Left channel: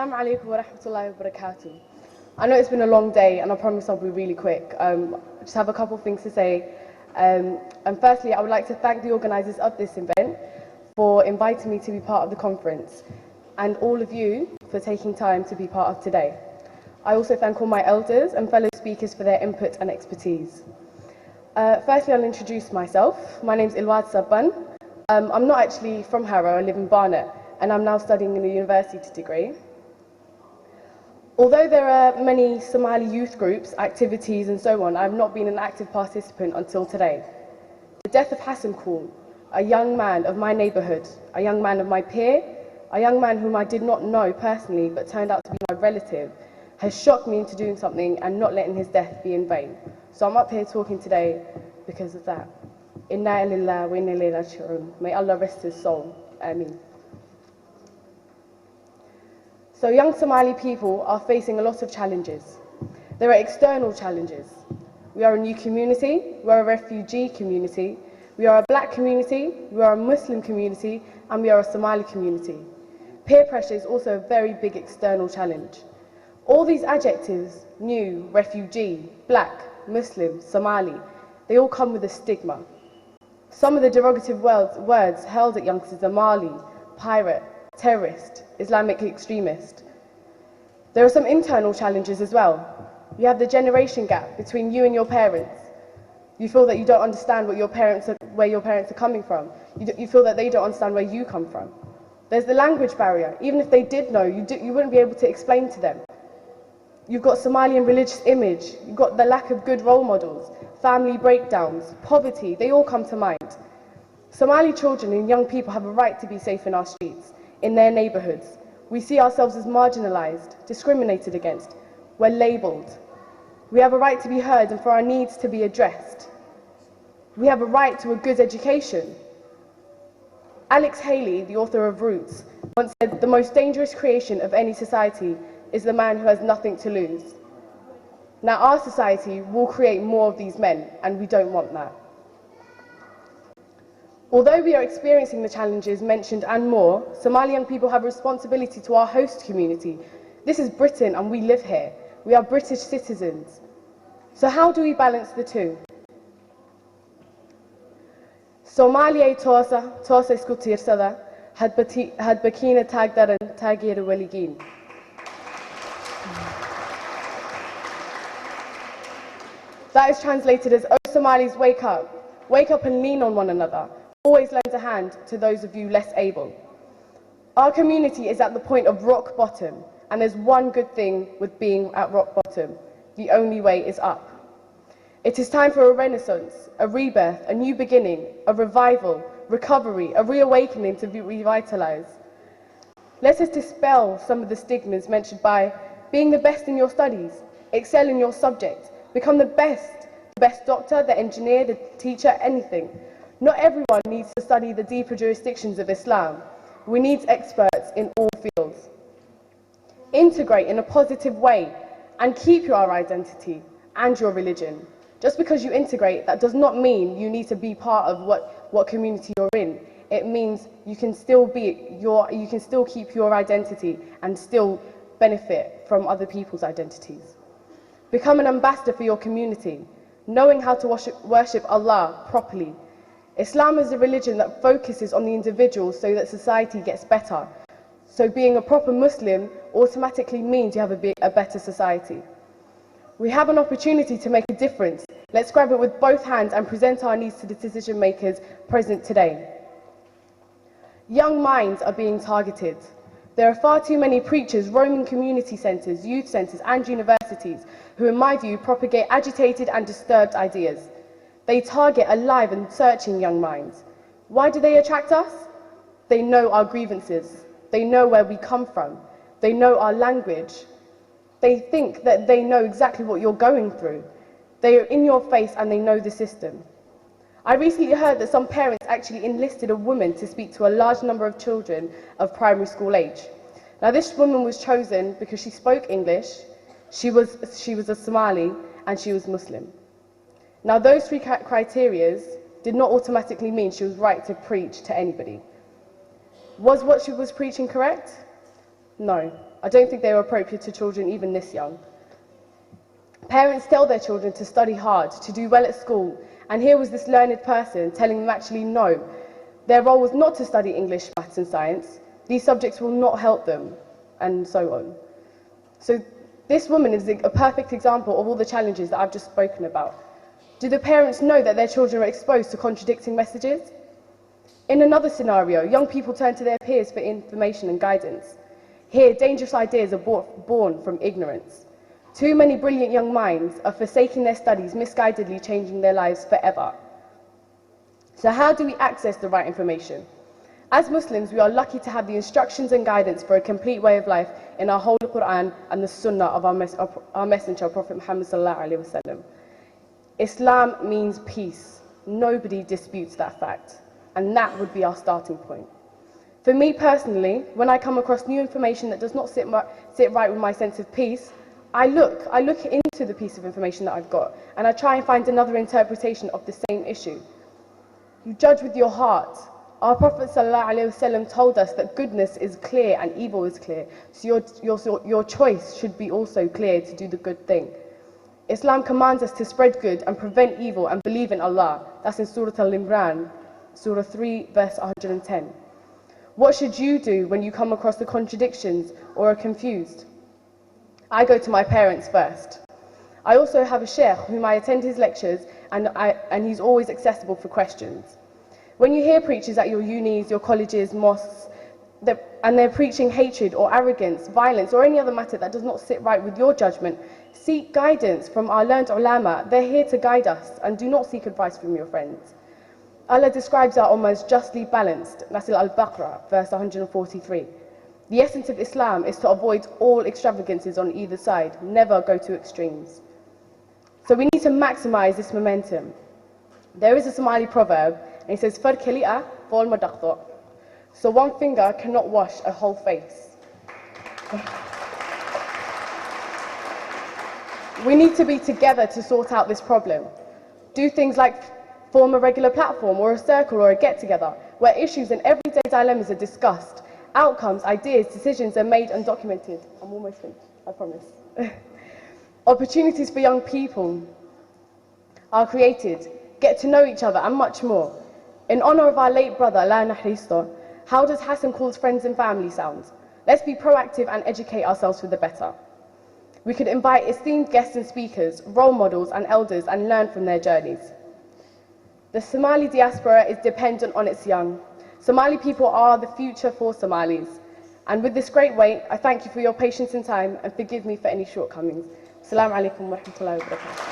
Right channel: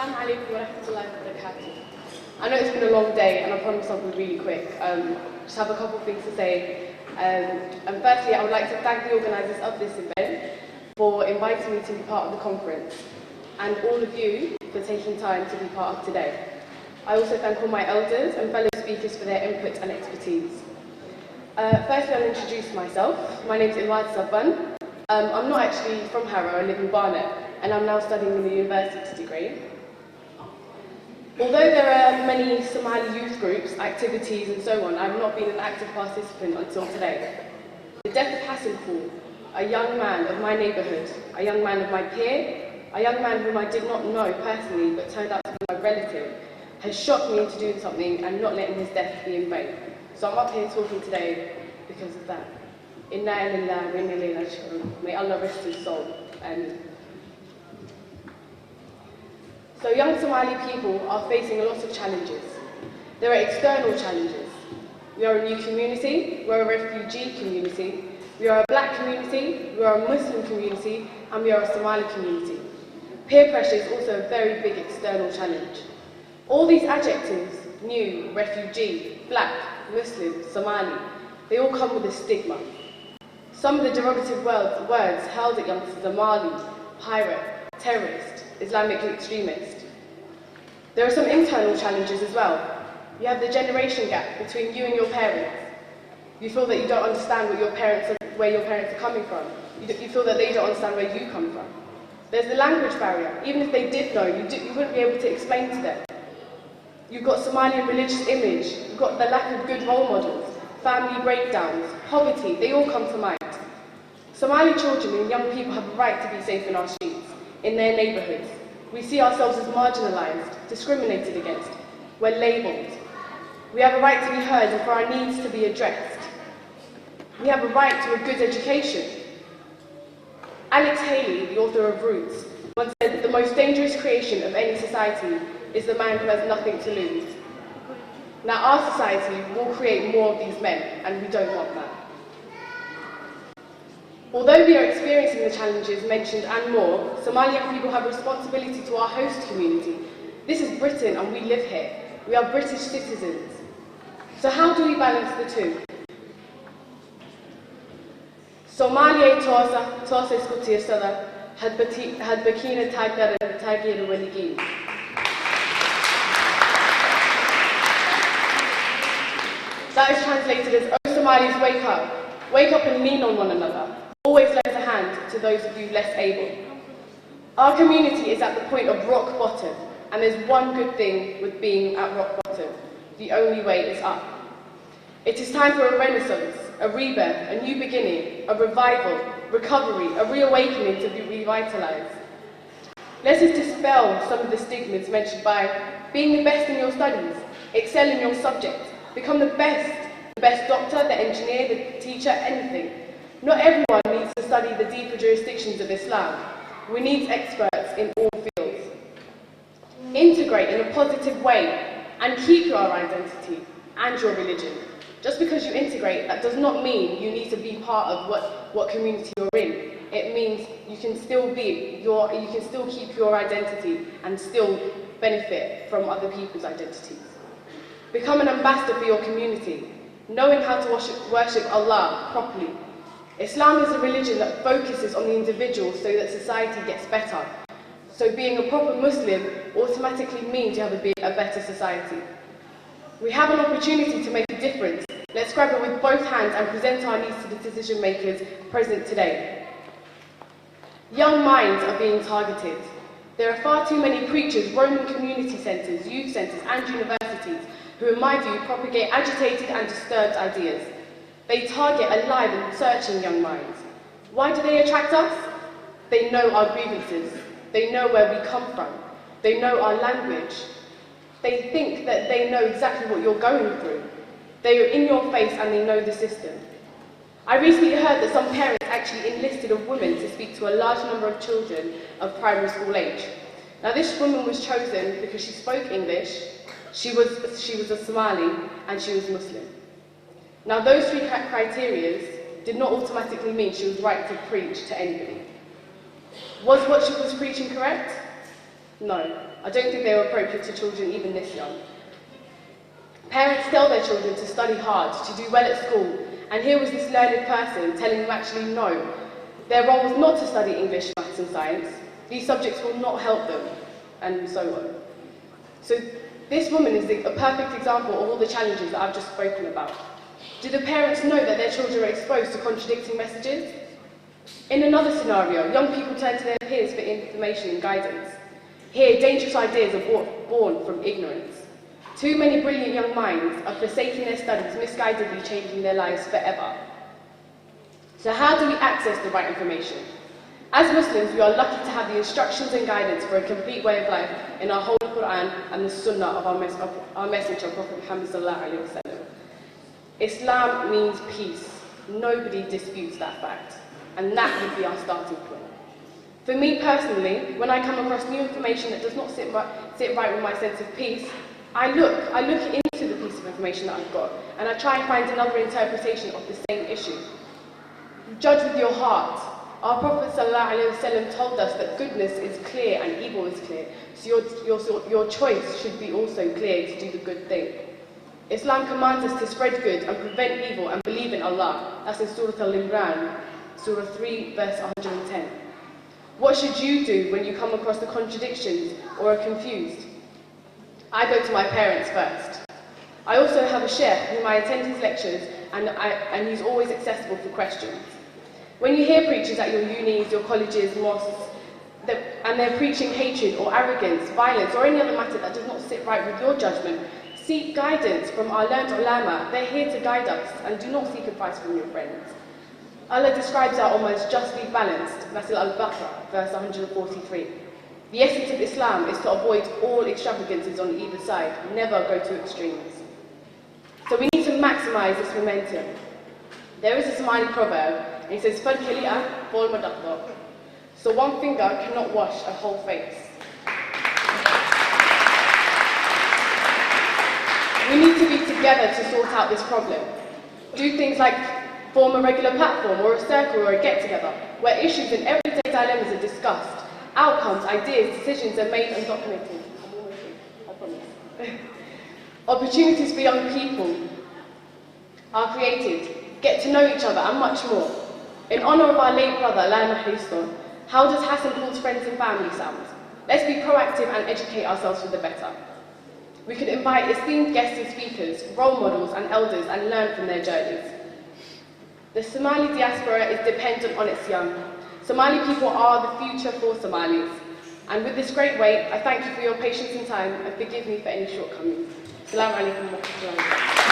Assalamu alaikum wa rahmatullahi wa barakatuh. I know it's been a long day and I promise I'll be really quick. Just have a couple of things to say. And firstly, I would like to thank the organisers of this event for inviting me to be part of the conference and all of you for taking time to be part of today. I also thank all my elders and fellow speakers for their input and expertise. Firstly, I'll introduce myself. My name is Ilwad Sabban. I'm not actually from Harrow, I live in Barnet, and I'm now studying in a university degree. Although there are many Somali youth groups, activities and so on, I have not been an active participant until today. The death of HASVO, a young man of my neighbourhood, a young man of my peer, a young man whom I did not know personally but turned out to be my relative, has shocked me into doing something and not letting his death be in vain. So I'm up here talking today because of that. Inna lillahi wa inna ilayhi raji'un. May Allah rest his soul. Ameen. So young Somali people are facing a lot of challenges. There are external challenges. We are a new community, we are a refugee community, we are a black community, we are a Muslim community, and we are a Somali community. Peer pressure is also a very big external challenge. All these adjectives, new, refugee, black, Muslim, Somali, they all come with a stigma. Some of the derogative words hurled at youngsters are Mali, pirate, terrorist, Islamic extremist. There are some internal challenges as well. You have the generation gap between you and your parents. You feel that you don't understand where your parents are coming from. You feel that they don't understand where you come from. There's the language barrier. Even if they did know, you wouldn't be able to explain to them. You've got Somalian religious image. You've got the lack of good role models, family breakdowns, poverty, they all come to mind. Somali children and young people have a right to be safe in our streets, in their neighbourhoods. We see ourselves as marginalised, discriminated against. We're labelled. We have a right to be heard and for our needs to be addressed. We have a right to a good education. Alex Haley, the author of Roots, once said, "The most dangerous creation of any society is the man who has nothing to lose." Now our society will create more of these men, and we don't want that. Although we are experiencing the challenges mentioned and more, Somalian people have a responsibility to our host community. This is Britain and we live here. We are British citizens. So how do we balance the two? Somalia tosa iskutirsadan had bakina tagdaran tagir waligin. That is translated as, "Oh Somalis, wake up and lean on one another. Always lend a hand to those of you less able." Our community is at the point of rock bottom, and there's one good thing with being at rock bottom. The only way is up. It is time for a renaissance, a rebirth, a new beginning, a revival, recovery, a reawakening to be revitalized. Let us dispel some of the stigmas mentioned by being the best in your studies, excel in your subject, become the best doctor, the engineer, the teacher, anything. Not everyone needs to study the deeper jurisdictions of Islam. We need experts in all fields. Integrate in a positive way and keep your identity and your religion. Just because you integrate, that does not mean you need to be part of what community you're in. It means you can still keep your identity and still benefit from other people's identities. Become an ambassador for your community, knowing how to worship Allah properly. Islam is a religion that focuses on the individual so that society gets better. So being a proper Muslim automatically means you have a better society. We have an opportunity to make a difference. Let's grab it with both hands and present our needs to the decision makers present today. Young minds are being targeted. There are far too many preachers roaming community centres, youth centres and universities who, in my view, propagate agitated and disturbed ideas. They target alive and searching young minds. Why do they attract us? They know our grievances. They know where we come from. They know our language. They think that they know exactly what you're going through. They are in your face and they know the system. I recently heard that some parents actually enlisted a woman to speak to a large number of children of primary school age. Now this woman was chosen because she spoke English, she was a Somali, and she was Muslim. Now those three criteria did not automatically mean she was right to preach to anybody. Was what she was preaching correct? No. I don't think they were appropriate to children even this young. Parents tell their children to study hard, to do well at school, and here was this learned person telling them actually no. Their role was not to study English, maths and science. These subjects will not help them, and so on. So this woman is a perfect example of all the challenges that I've just spoken about. Do the parents know that their children are exposed to contradicting messages? In another scenario, young people turn to their peers for information and guidance. Here, dangerous ideas are born from ignorance. Too many brilliant young minds are forsaking their studies, misguidedly changing their lives forever. So how do we access the right information? As Muslims, we are lucky to have the instructions and guidance for a complete way of life in our Holy Quran and the Sunnah of our Messenger, Prophet Muhammad sallallahu alaihi wasallam. Islam means peace. Nobody disputes that fact. And that would be our starting point. For me personally, when I come across new information that does not sit right with my sense of peace, I look into the piece of information that I've got, and I try and find another interpretation of the same issue. Judge with your heart. Our Prophet ﷺ told us that goodness is clear and evil is clear, so your choice should be also clear to do the good thing. Islam commands us to spread good and prevent evil and believe in Allah. That's in Surah Al-Imran, Surah 3, verse 110. What should you do when you come across the contradictions or are confused? I go to my parents first. I also have a sheikh whom I attend his lectures and he's always accessible for questions. When you hear preachers at your unis, your colleges, mosques, and they're preaching hatred or arrogance, violence or any other matter that does not sit right with your judgment, seek guidance from our learned ulama. They're here to guide us, and do not seek advice from your friends. Allah describes our almost justly balanced, that's in Al-Baqarah, verse 143. The essence of Islam is to avoid all extravagances on either side, never go to extremes. So we need to maximize this momentum. There is a Somali proverb, and it says, "Far khali'a wal madaqqa." So one finger cannot wash a whole face. We need to be together to sort out this problem. Do things like form a regular platform or a circle or a get-together where issues and everyday dilemmas are discussed. Outcomes, ideas, decisions are made and documented. I'm almost through, I promise. Opportunities for young people are created, get to know each other and much more. In honour of our late brother, Allah Mahristo, how does Hassan call's friends and family sound? Let's be proactive and educate ourselves for the better. We could invite esteemed guests and speakers, role models and elders and learn from their journeys. The Somali diaspora is dependent on its young. Somali people are the future for Somalis. And with this great weight, I thank you for your patience and time and forgive me for any shortcomings. Assalamu alaikum wa rahmatullahi wa barakatuh.